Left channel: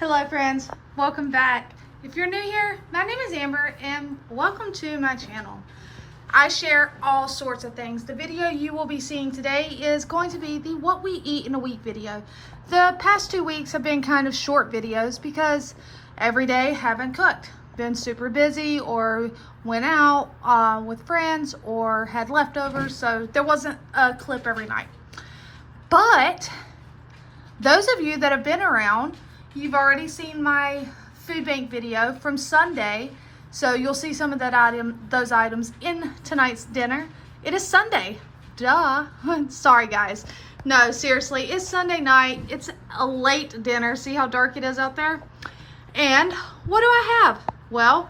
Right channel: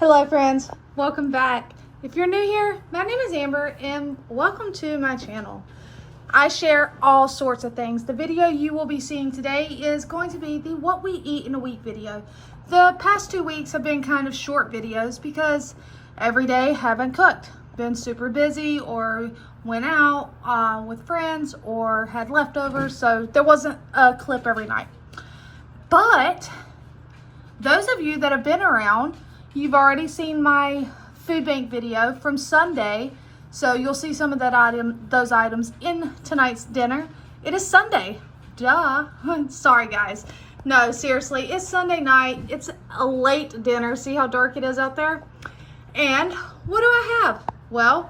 Hello friends, welcome back. If you're new here, my name is Amber and welcome to my channel. I share all sorts of things. The video you will be seeing today is going to be the what we eat in a week video. The past 2 weeks have been kind of short videos because every day haven't cooked. Been super busy or went out with friends or had leftovers, so there wasn't a clip every night. But those of you that have been around, you've already seen my food bank video from Sunday, so you'll see some of those items in tonight's dinner. It is Sunday, duh. Sorry guys. No, seriously, it's Sunday night. It's a late dinner. See how dark it is out there? And what do I have? Well,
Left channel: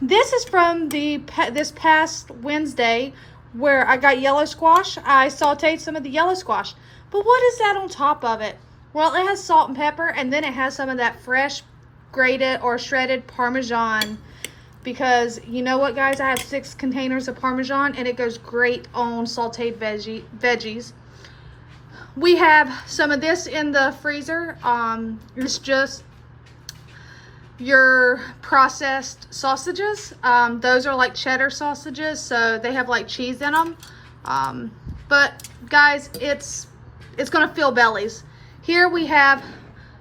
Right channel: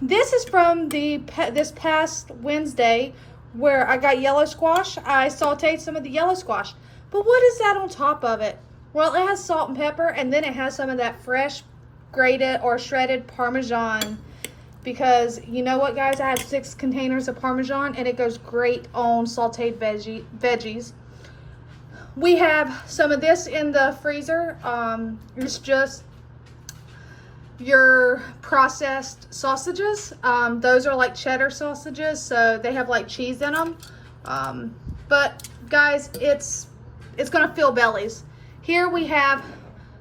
this is from this past Wednesday where I got yellow squash. I sauteed some of the yellow squash. But what is that on top of it? Well, it has salt and pepper, and then it has some of that fresh grated or shredded Parmesan, because you know what guys, I have 6 containers of Parmesan and it goes great on sauteed veggies. We have some of this in the freezer. It's just your processed sausages. Those are like cheddar sausages, so they have like cheese in them. But guys, it's gonna fill bellies. Here we have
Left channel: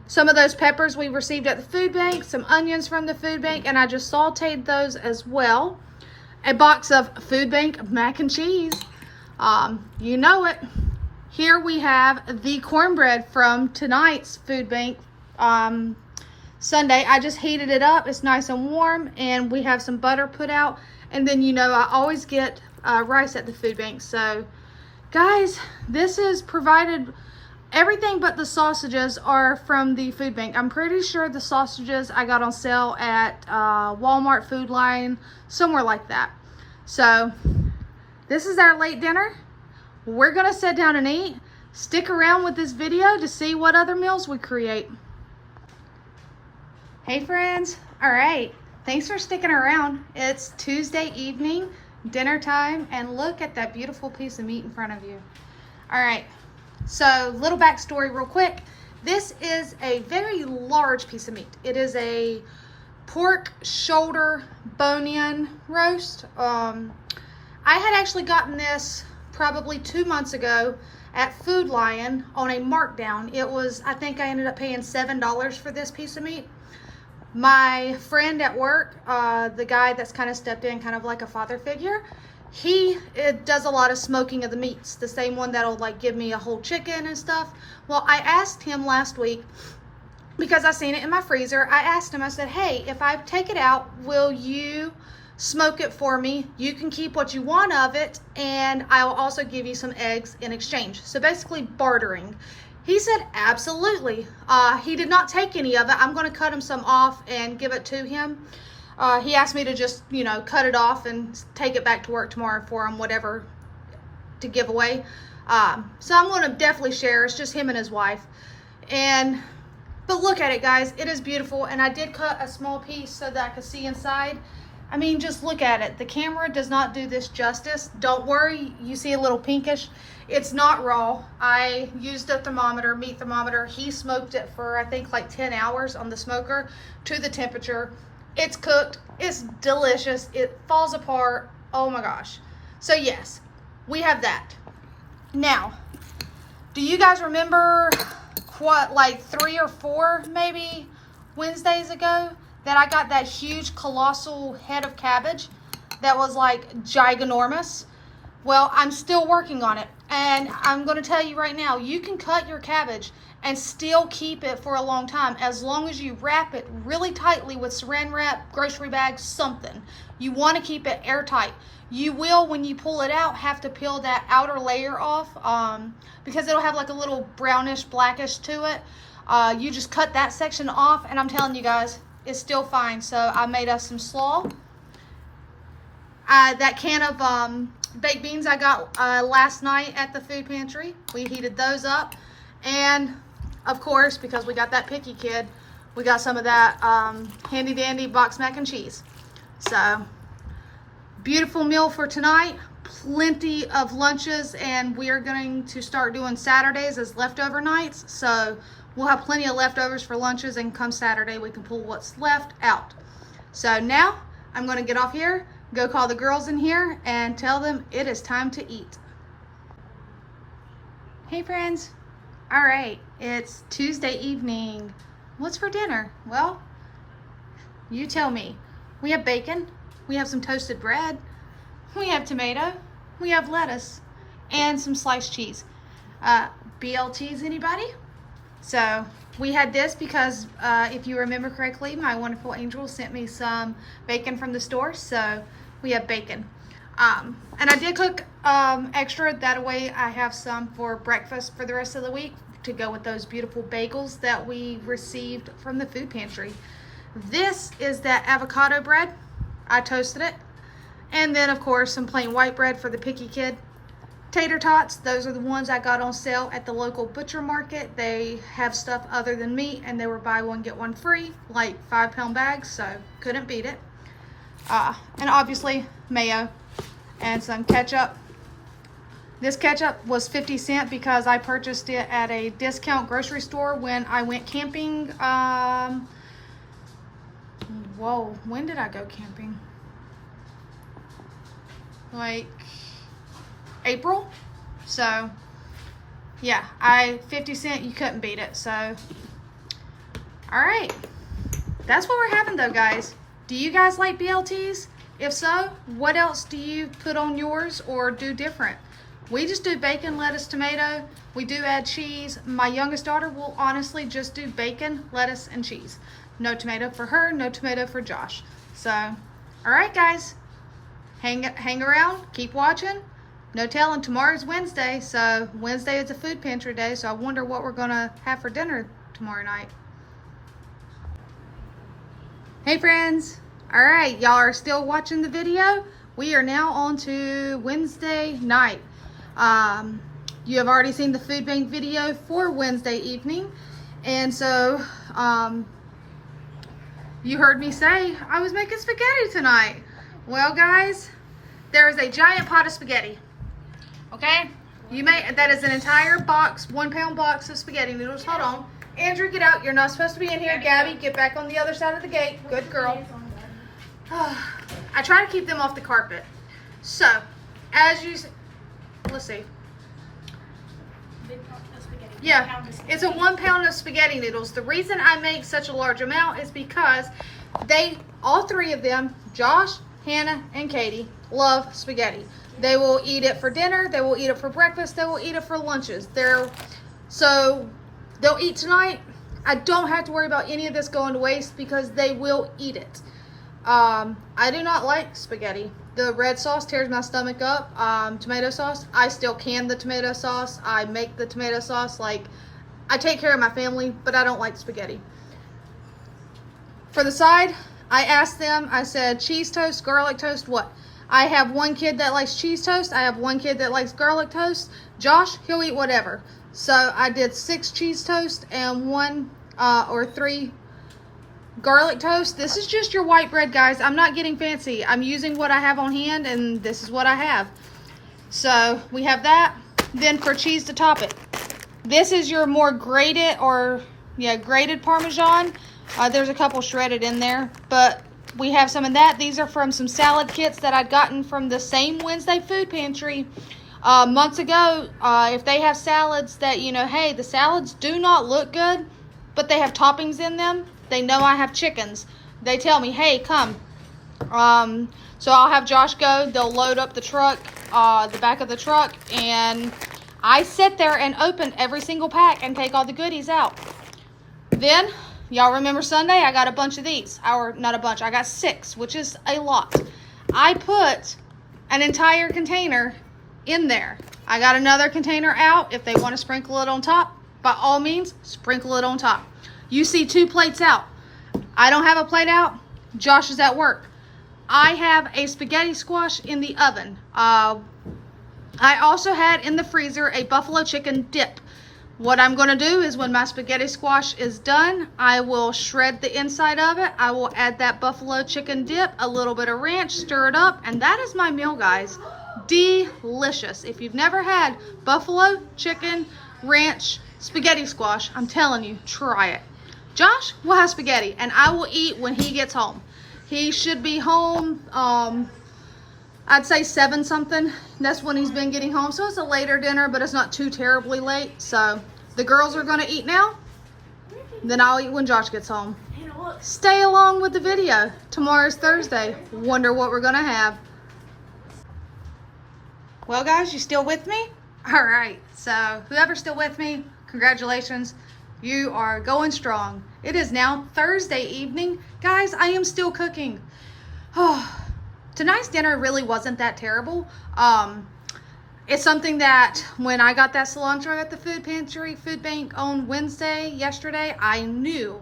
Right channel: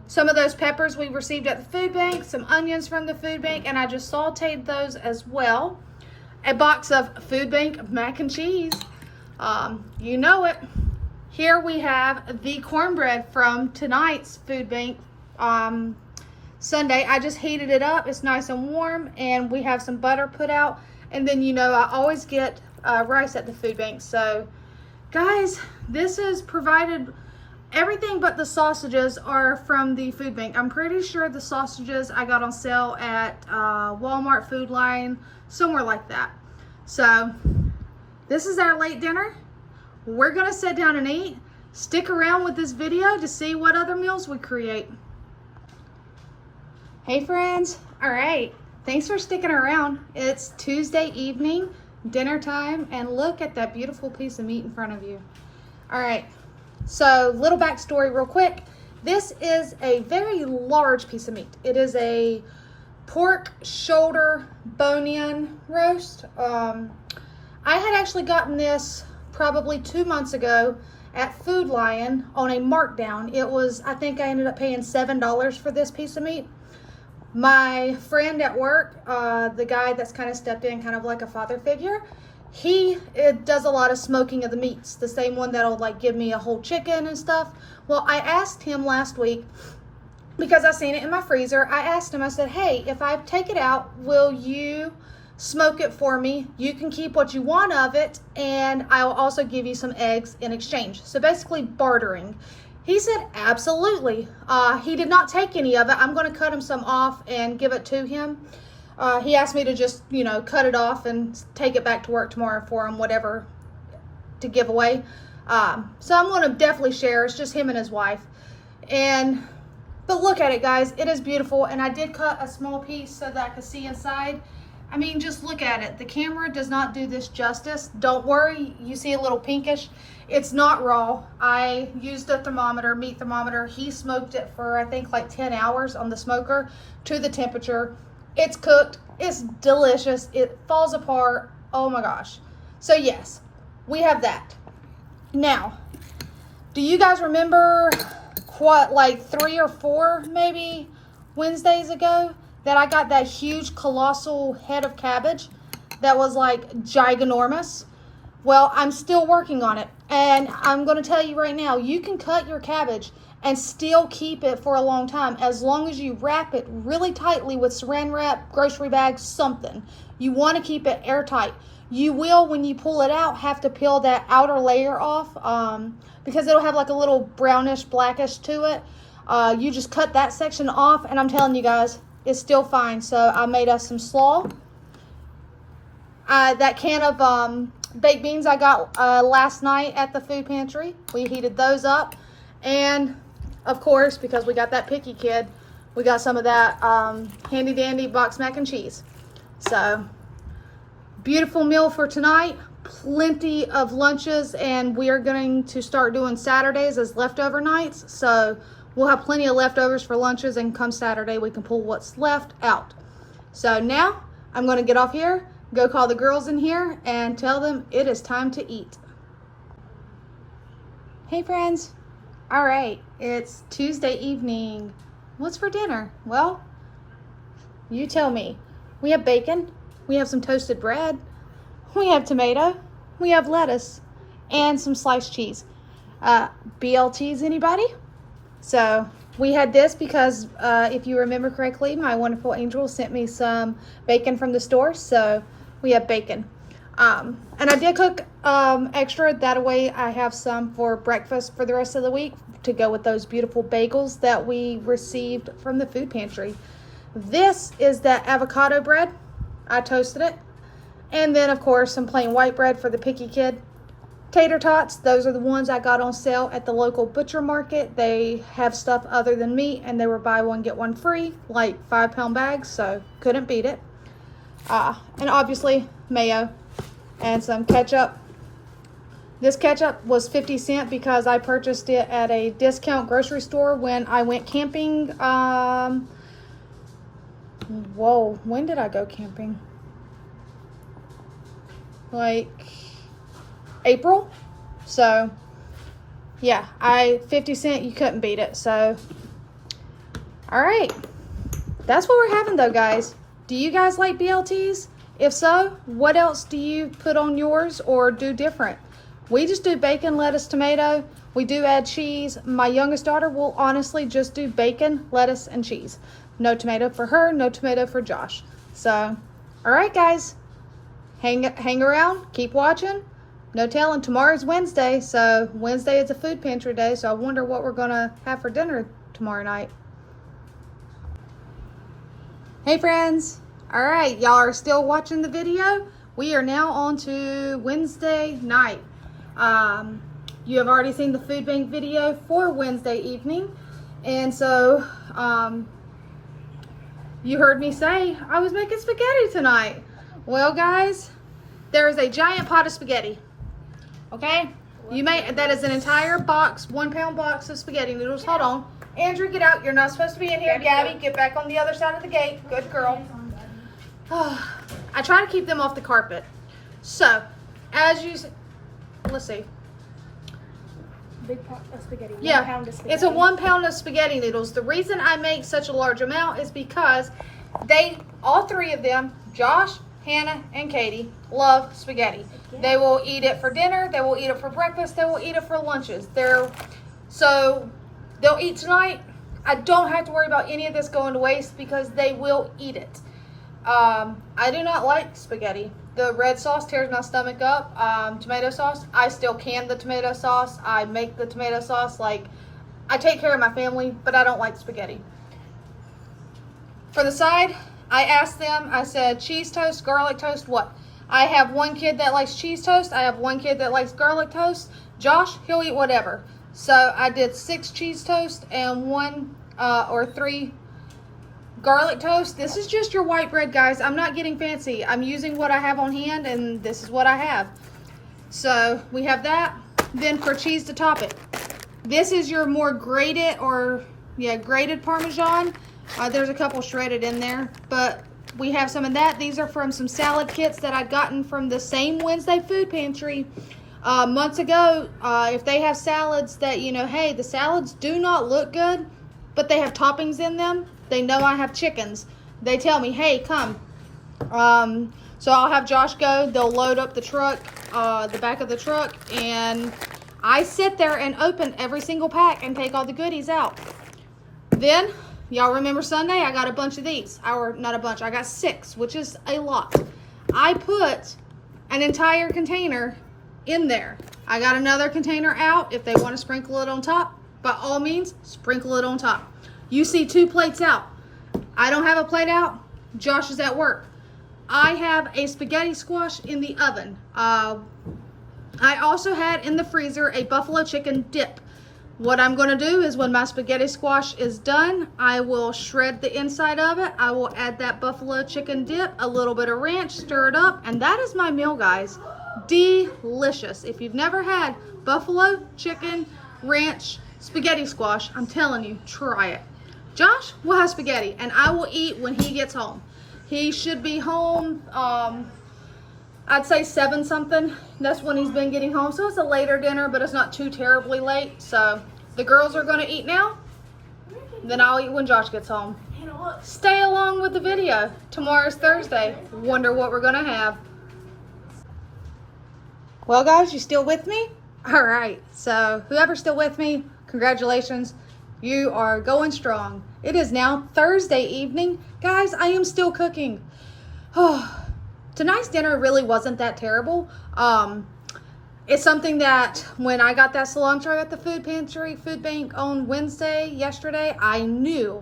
some of those peppers we received at the food bank, some onions from the food bank, and I just sauteed those as well. A box of food bank mac and cheese. You know it. Here we have the cornbread from tonight's food bank Sunday. I just heated it up. It's nice and warm, and we have some butter put out. And then, you know, I always get rice at the food bank. So, guys, this is provided. Everything but the sausages are from the food bank. I'm pretty sure the sausages I got on sale at Walmart, Food Line, somewhere like that. So this is our late dinner. We're gonna sit down and eat. Stick around with this video to see what other meals we create. Hey friends, all right, thanks for sticking around. It's Tuesday evening, dinner time, and look at that beautiful piece of meat in front of you. All right. So, little backstory real quick. This is a very large piece of meat. It is a pork shoulder bone-in roast. I had actually gotten this probably 2 months ago at Food Lion on a markdown. It was, I think I ended up paying $7 for this piece of meat. My friend at work, the guy that's kind of stepped in, kind of like a father figure, he does a lot of smoking of the meats, the same one that'll like give me a whole chicken and stuff. Well, I asked him last week, because I seen it in my freezer, I asked him, I said, hey, if I take it out, will you smoke it for me? You can keep what you want of it, and I will also give you some eggs in exchange. So basically bartering. He said, absolutely. He did not take any of it. I'm going to cut him some off and give it to him. He asked me to just, you know, cut it off and take it back to work tomorrow for him, whatever to give away. So I'm going to definitely share. It's just him and his wife. But look at it, guys. It is beautiful. And I did cut a small piece so that I could see inside. I mean, just look at it. The camera does not do this justice. Don't worry. You see a little pinkish. It's not raw. I used a thermometer, meat thermometer. He smoked it for, I think, like 10 hours on the smoker to the temperature. It's cooked, it's delicious, it falls apart, oh my gosh. So yes, we have that. Now, do you guys remember what, like 3 or 4 maybe Wednesdays ago that I got that huge colossal head of cabbage that was like giganormous? Well, I'm still working on it, and I'm gonna tell you right now, you can cut your cabbage and still keep it for a long time as long as you wrap it really tightly with saran wrap, grocery bags, something. You want to keep it airtight. You will, when you pull it out, have to peel that outer layer off because it'll have like a little brownish, blackish to it. You just cut that section off, and I'm telling you guys, it's still fine. So I made us some slaw. That can of baked beans I got last night at the food pantry. We heated those up. And of course, because we got that picky kid, we got some of that handy dandy box mac and cheese. So beautiful meal for tonight. Plenty of lunches, and we are going to start doing Saturdays as leftover nights. So we'll have plenty of leftovers for lunches, and come Saturday we can pull what's left out. So now I'm going to get off here, go call the girls in here and tell them it is time to eat. Hey friends. All right, it's Tuesday evening. What's for dinner? Well, you tell me. We have bacon, we have some toasted bread, we have tomato, we have lettuce, and some sliced cheese. BLTs, anybody? So we had this because if you remember correctly, my wonderful angel sent me some bacon from the store, so we have bacon. And I did cook extra, that way I have some for breakfast for the rest of the week to go with those beautiful bagels that we received from the food pantry. This is that avocado bread. I toasted it. And then of course some plain white bread for the picky kid. Tater tots, those are the ones I got on sale at the local butcher market. They have stuff other than meat, and they were buy one get one free, like 5-pound bags, so couldn't beat it. And obviously mayo and some ketchup. This ketchup was 50 cents because I purchased it at a discount grocery store when I went camping. Whoa, when did I go camping? Like April. So yeah, 50 cents, you couldn't beat it. So all right, that's what we're having though, guys. Do you guys like BLTs? If so, what else do you put on yours or do different? We just do bacon, lettuce, tomato. We do add cheese. My youngest daughter will honestly just do bacon, lettuce, and cheese. No tomato for her, no tomato for Josh. So, all right, guys. Hang around, keep watching. No telling, tomorrow's Wednesday, so Wednesday is a food pantry day, so I wonder what we're gonna have for dinner tomorrow night. Hey friends. All right, y'all are still watching the video. We are now on to Wednesday night. You have already seen the food bank video for Wednesday evening. And so, you heard me say I was making spaghetti tonight. Well, guys, there is a giant pot of spaghetti. Okay? That is an entire box, 1-pound box of spaghetti noodles. Hold on. Andrew, get out. You're not supposed to be in here. Gabby, get back on the other side of the gate. Good girl. I try to keep them off the carpet. So, as you, let's see. Big pot of spaghetti. Yeah, it's a 1 pound of spaghetti noodles. The reason I make such a large amount is because all three of them, Josh, Hannah, and Katie, love spaghetti. They will eat it for dinner, they will eat it for breakfast, they will eat it for lunches. So they'll eat tonight. I don't have to worry about any of this going to waste because they will eat it. I do not like spaghetti. The red sauce tears my stomach up. Tomato sauce, I still can the tomato sauce. I make the tomato sauce. Like, I take care of my family, but I don't like spaghetti. For the side, I asked them, I said, cheese toast, garlic toast, what? I have one kid that likes cheese toast. I have one kid that likes garlic toast. Josh, he'll eat whatever. So I did 6 cheese toast and 1 or 3 garlic toast. This is just your white bread, guys. I'm not getting fancy. I'm using what I have on hand, and this is what I have. So we have that. Then for cheese to top it, this is your more grated grated Parmesan. There's a couple shredded in there, but we have some of that. These are from some salad kits that I'd gotten from the same Wednesday food pantry months ago. If they have salads that, hey, the salads do not look good, but they have toppings in them. They know I have chickens. They tell me, hey, come. So I'll have Josh go. They'll load up the truck, the back of the truck, and I sit there and open every single pack and take all the goodies out. Then, y'all remember Sunday? I got a bunch of these. Or not a bunch. I got 6, which is a lot. I put an entire container in there. I got another container out. If they want to sprinkle it on top, by all means, sprinkle it on top. You see 2 plates out. I don't have a plate out. Josh is at work. I have a spaghetti squash in the oven. I also had in the freezer a buffalo chicken dip. What I'm going to do is when my spaghetti squash is done, I will shred the inside of it. I will add that buffalo chicken dip, a little bit of ranch, stir it up, and that is my meal, guys. Delicious. If you've never had buffalo chicken ranch spaghetti squash. I'm telling you, try it. Josh will have spaghetti, and I will eat when he gets home. He should be home, I'd say 7 something. That's when he's been getting home. So it's a later dinner, but it's not too terribly late. So the girls are gonna eat now. Then I'll eat when Josh gets home. Stay along with the video. Tomorrow's Thursday. Wonder what we're gonna have. Well guys, you still with me? All right, so whoever's still with me, congratulations. You are going strong. It is now Thursday evening. Guys, I am still cooking. Oh, tonight's dinner really wasn't that terrible. It's something that when I got that cilantro at the food bank on yesterday, I knew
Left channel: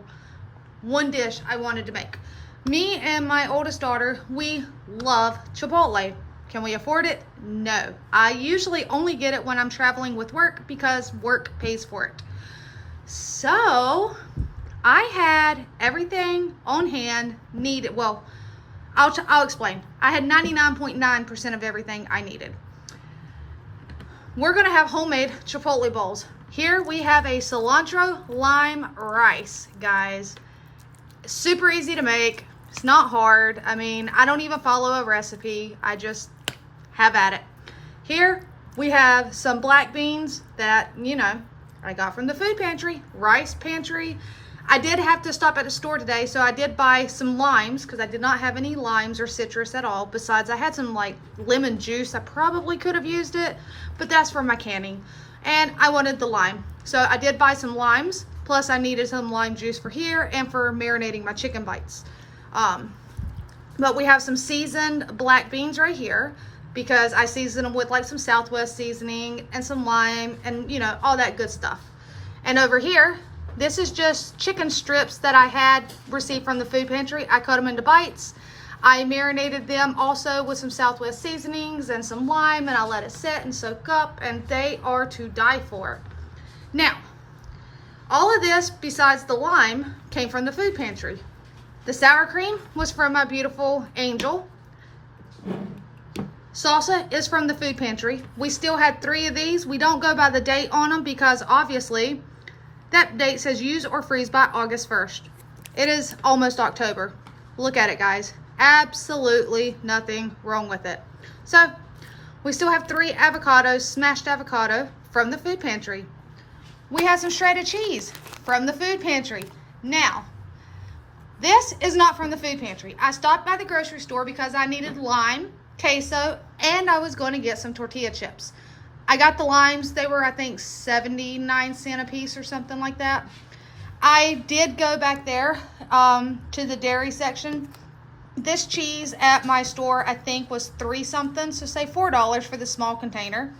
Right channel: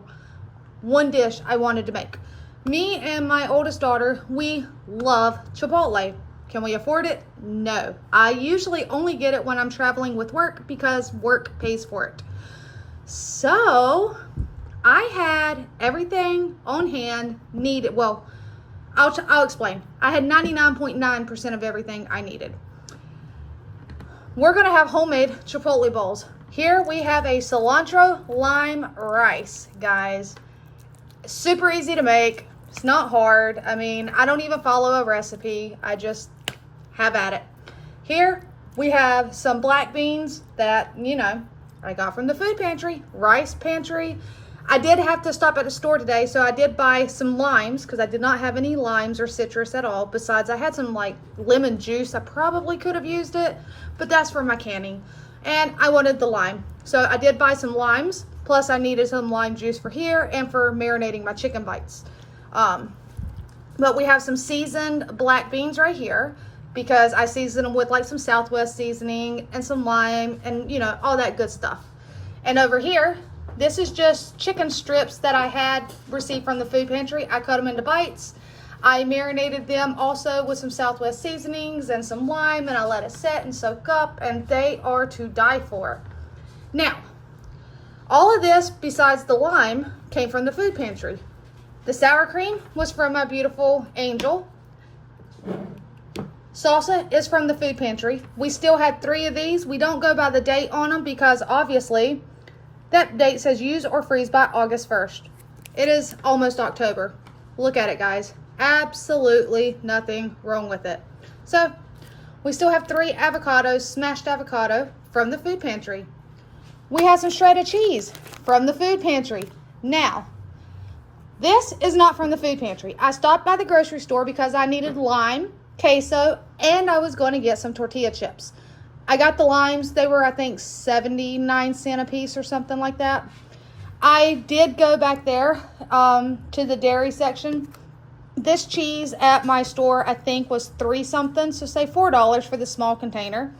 one dish I wanted to make. Me and my oldest daughter, we love chipotle. Can we afford it? No. I usually only get it when I'm traveling with work because work pays for it. So I had everything on hand needed. Well, I'll explain. I had 99.9% of everything I needed. We're gonna have homemade chipotle bowls. Here we have a cilantro lime rice, guys. Super easy to make. It's not hard. I mean, I don't even follow a recipe. I just have at it. Here we have some black beans that, you know, I got from the food pantry, rice pantry. I did have to stop at the store today, so I did buy some limes because I did not have any limes or citrus at all. Besides, I had some like lemon juice. I probably could have used it, but that's for my canning. And I wanted the lime. So I did buy some limes, plus I needed some lime juice for here and for marinating my chicken bites. But we have some seasoned black beans right here because I season them with like some Southwest seasoning and some lime and, you know, all that good stuff. And over here, this is just chicken strips that I had received from the food pantry. I cut them into bites. I marinated them also with some Southwest seasonings and some lime, and I let it set and soak up, and they are to die for. Now, all of this, besides the lime, came from the food pantry. The sour cream was from my beautiful Angel. Salsa is from the food pantry. We still had 3 of these. We don't go by the date on them because obviously that date says use or freeze by August 1st. It is almost October. Look at it, guys. Absolutely nothing wrong with it. So we still have 3 avocados, smashed avocado from the food pantry. We have some shredded cheese from the food pantry. Now, this is not from the food pantry. I stopped by the grocery store because I needed lime, queso, and I was going to get some tortilla chips. I got the limes. They were, I think, 79 cents a piece or something like that. I did go back there to the dairy section. This cheese at my store, I think, was 3 something, so say $4 for the small container.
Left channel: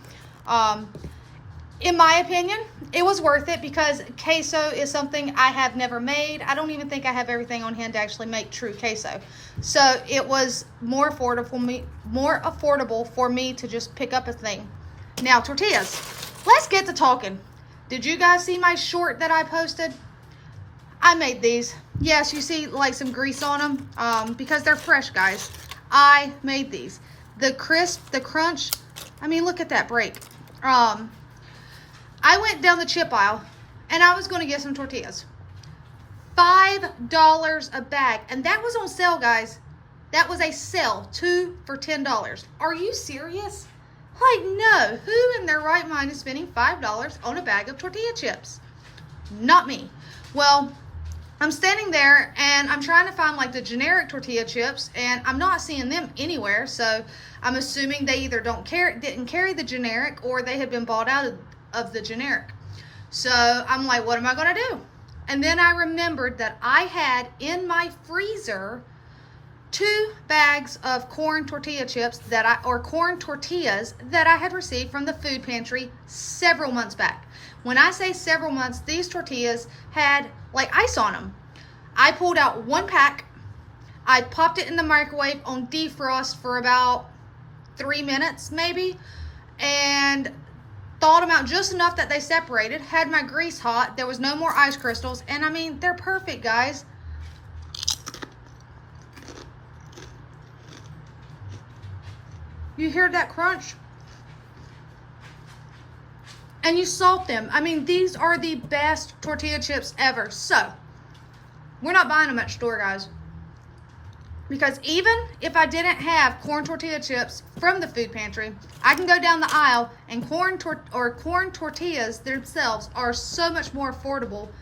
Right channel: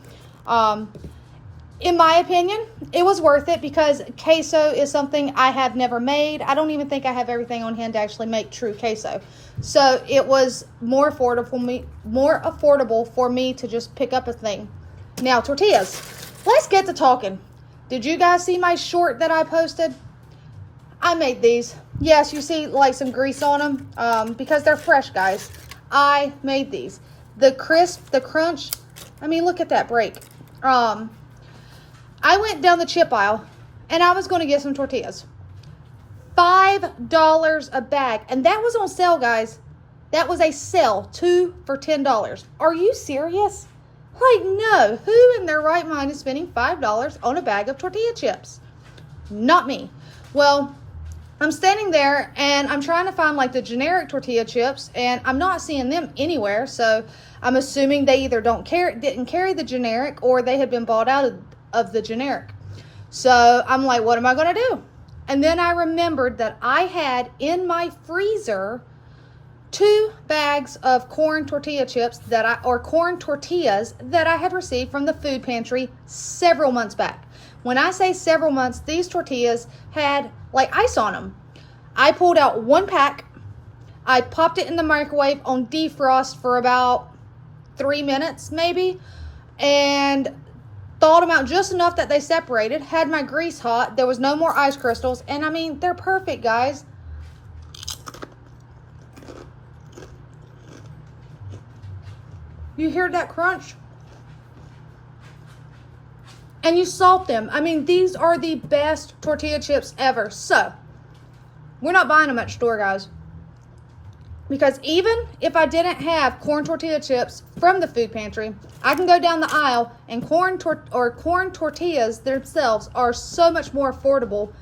In my opinion, it was worth it because queso is something I have never made. I don't even think I have everything on hand to actually make true queso. So it was more affordable for me to just pick up a thing. Now, tortillas. Let's get to talking. Did you guys see my short that I posted? I made these. Yes, you see like some grease on them because they're fresh, guys. I made these. The crisp, the crunch. I mean, look at that break. I went down the chip aisle and I was going to get some tortillas. $5 a bag. And that was on sale, guys. That was a sale. 2 for $10. Are you serious? Like, no. Who in their right mind is spending $5 on a bag of tortilla chips? Not me. Well, I'm standing there and I'm trying to find like the generic tortilla chips and I'm not seeing them anywhere. So I'm assuming they either didn't carry the generic or they had been bought out of the generic. So I'm like, what am I going to do? And then I remembered that I had in my freezer 2 bags of corn tortilla chips corn tortillas that I had received from the food pantry several months back. When I say several months, these tortillas had like ice on them. I pulled out 1 pack. I popped it in the microwave on defrost for about 3 minutes maybe, and thawed them out just enough that they separated. Had my grease hot. There was no more ice crystals, and I mean, they're perfect, guys. You hear that crunch? and you salt them. I mean, these are the best tortilla chips ever. So, we're not buying them at the store, guys. Because even if I didn't have corn tortilla chips from the food pantry, I can go down the aisle and corn tortillas themselves are so much more affordable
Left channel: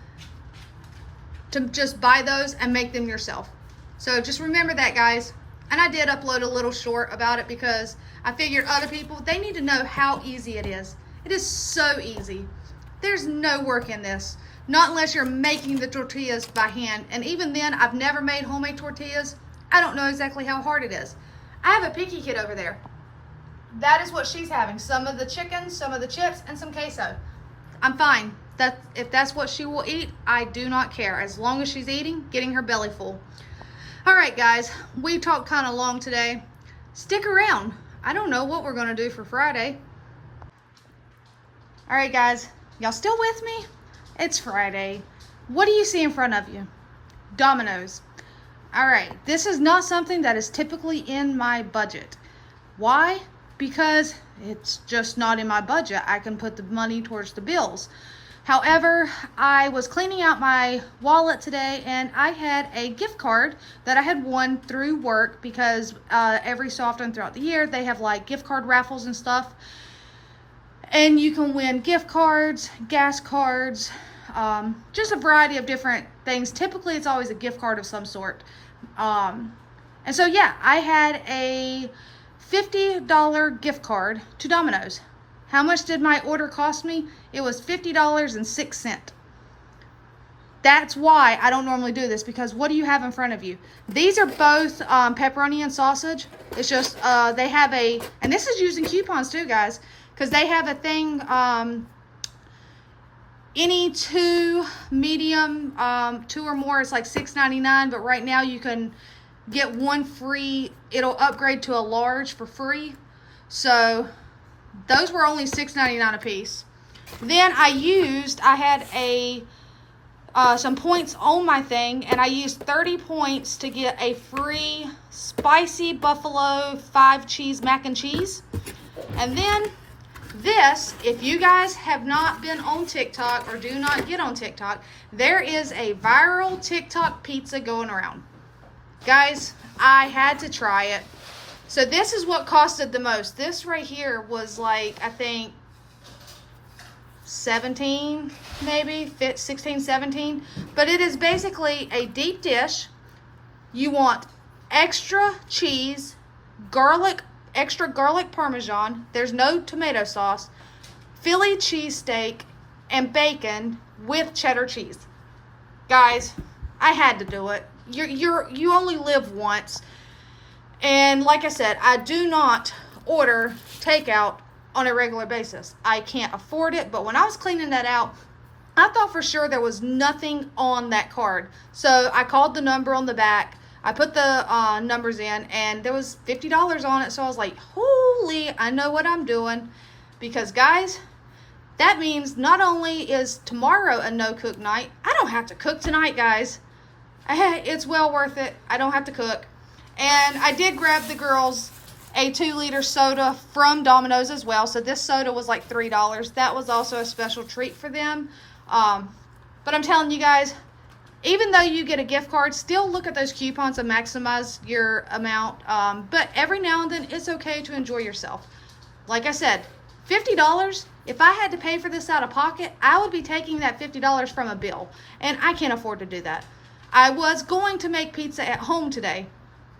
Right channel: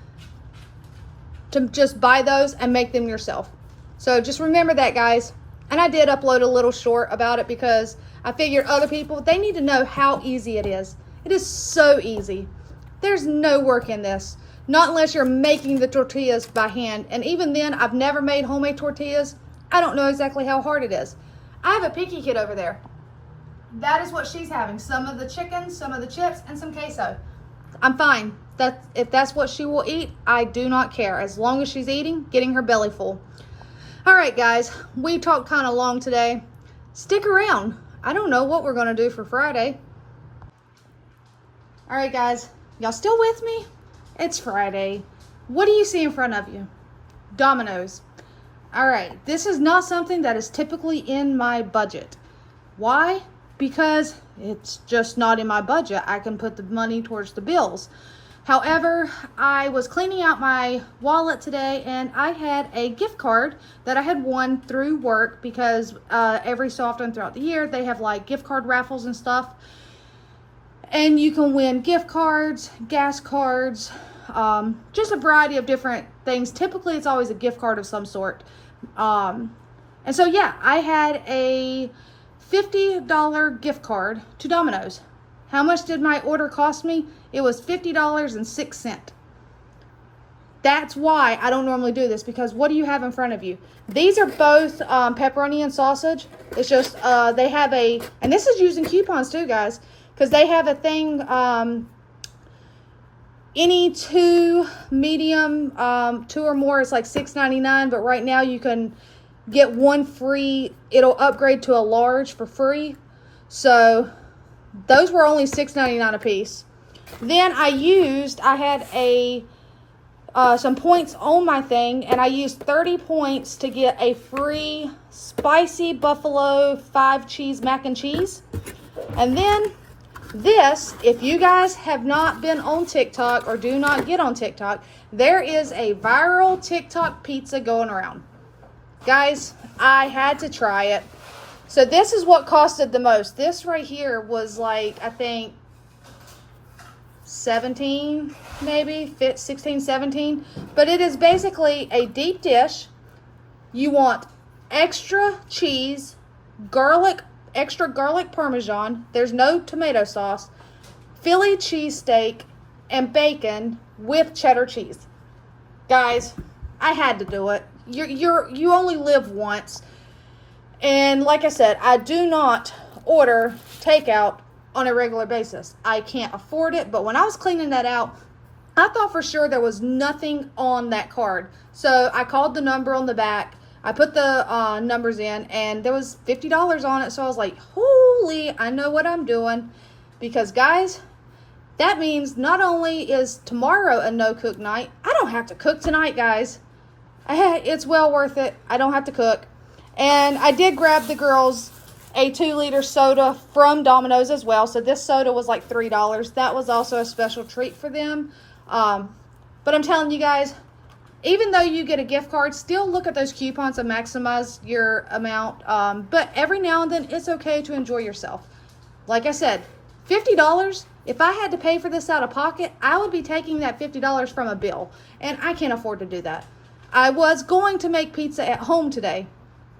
to just buy those and make them yourself. So just remember that, guys. And I did upload a little short about it because I figured other people, they need to know how easy it is. It is so easy. There's no work in this. Not unless you're making the tortillas by hand. And even then, I've never made homemade tortillas. I don't know exactly how hard it is. I have a picky kid over there. That is what she's having. Some of the chicken, some of the chips, and some queso. I'm fine. If that's what she will eat, I do not care. As long as she's eating, getting her belly full. All right, guys. We talked kind of long today. Stick around. I don't know what we're going to do for Friday. All right, guys. Y'all still with me? It's Friday. What do you see in front of you? Domino's. All right, this is not something that is typically in my budget. Why? Because it's just not in my budget. I can put the money towards the bills. However, I was cleaning out my wallet today and I had a gift card that I had won through work because every so often throughout the year, they have like gift card raffles and stuff. And you can win gift cards, gas cards, just a variety of different things. Typically, it's always a gift card of some sort. And so, yeah, I had a $50 gift card to Domino's. How much did my order cost me? It was $50.06. That's why I don't normally do this, because what do you have in front of you? These are both pepperoni and sausage. It's just they have a, and this is using coupons too, guys, because they have a thing, any two medium, two or more is like $6.99, but right now you can get one free. It'll upgrade to a large for free. So those were only $6.99 a piece. Then I had a some points on my thing, and I used 30 points to get a free spicy buffalo 5 cheese mac and cheese. And then this, if you guys have not been on TikTok or do not get on TikTok, there is a viral TikTok pizza going around. Guys, I had to try it. So this is what costed the most. This right here was like, I think, 17, maybe 16, 17. But it is basically a deep dish. You want extra cheese, garlic, extra garlic parmesan. There's no tomato sauce. Philly cheesesteak and bacon with cheddar cheese. Guys, I had to do it. You only live once. And like I said, I do not order takeout on a regular basis. I can't afford it, but when I was cleaning that out, I thought for sure there was nothing on that card. So I called the number on the back. I put the numbers in, and there was $50 on it. So I was like, holy, I know what I'm doing. Because, guys, that means not only is tomorrow a no-cook night, I don't have to cook tonight, guys. It's well worth it. I don't have to cook. And I did grab the girls a 2-liter soda from Domino's as well. So this soda was like $3. That was also a special treat for them. But I'm telling you guys, even though you get a gift card, still look at those coupons and maximize your amount. But every now and then, it's okay to enjoy yourself. Like I said, $50, if I had to pay for this out of pocket, I would be taking that $50 from a bill. And I can't afford to do that. I was going to make pizza at home today.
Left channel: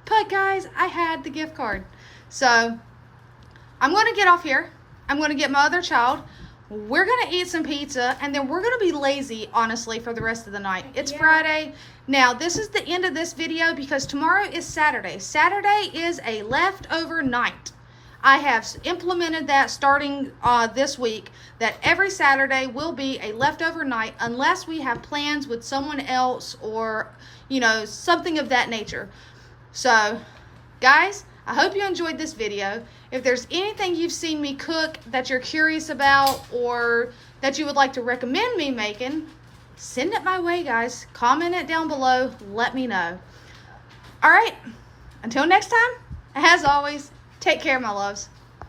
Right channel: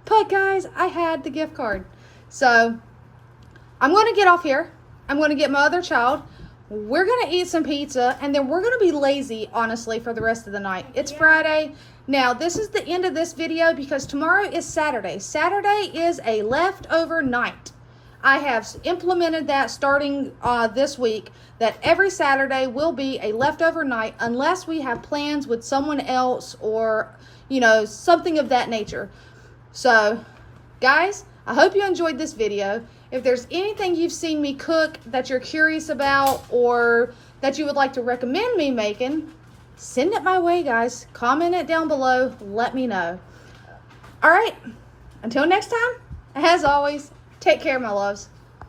But guys, I had the gift card. So I'm going to get off here. I'm going to get my other child. We're going to eat some pizza, and then we're going to be lazy, honestly, for the rest of the night. It's Friday. Now, this is the end of this video because tomorrow is Saturday. Saturday is a leftover night. I have implemented that starting this week, that every Saturday will be a leftover night unless we have plans with someone else or, you know, something of that nature. So, guys, I hope you enjoyed this video. If there's anything you've seen me cook that you're curious about or that you would like to recommend me making, send it my way, guys. Comment it down below. Let me know. All right. Until next time, as always, take care, my loves.